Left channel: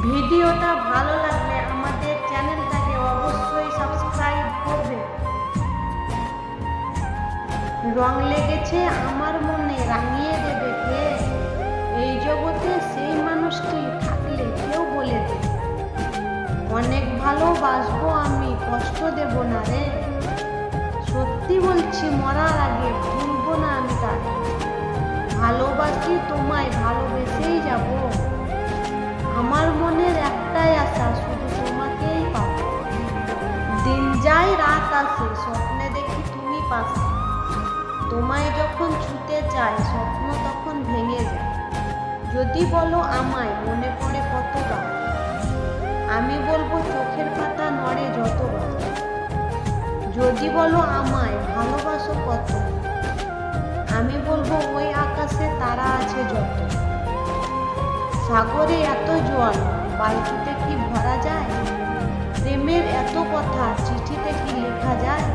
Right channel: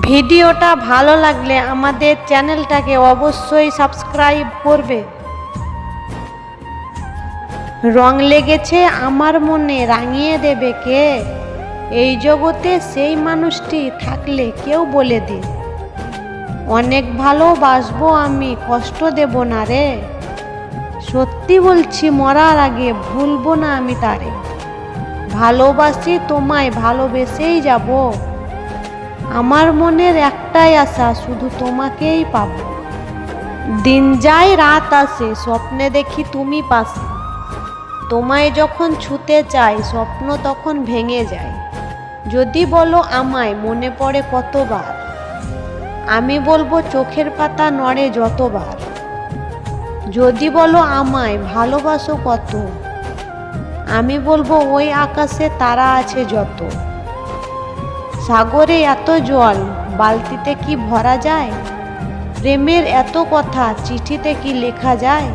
ভিডিওটা ভালো লাগলে আমাদের চ্যানেলটাকে অবশ্যই সাবস্ক্রাইব করবে। রং লেগেছে আমার মনে রাঙিয়ে দেবে কে? এই জগতে সেই মানুষটি থাকলে কেউ বলে দে, অনেক ভালোবাসবো আমি, কষ্ট দেব না রে। সত্যি বলছি মরার আগে ভুলবো না আমি তারে। ভালোবাসি তোমায়, ভালোবেসেই যাব। আমার মনের একটাই আশা, শুধু তোমাকেই পাবো। দিন যায় রাত আসে, স্বপ্নে দেখি তুমি পাশে। তোমায় যখন ছুতে চাই, স্বপ্ন তখন ভেঙে যায়। যদি বলো আমায়, মনে পড়ে কতবার। আমি বলবো চোখের পাতা নড়ে যতবার। যদি বলো আমায় ভালোবাসো কত, আমি বলবো ওই আকাশে তারা আছে যত। সাগরে এত জল, বালতিতে কি ভরা যায়? প্রেমের এত কথা, চিঠিতে কি লেখা যায়?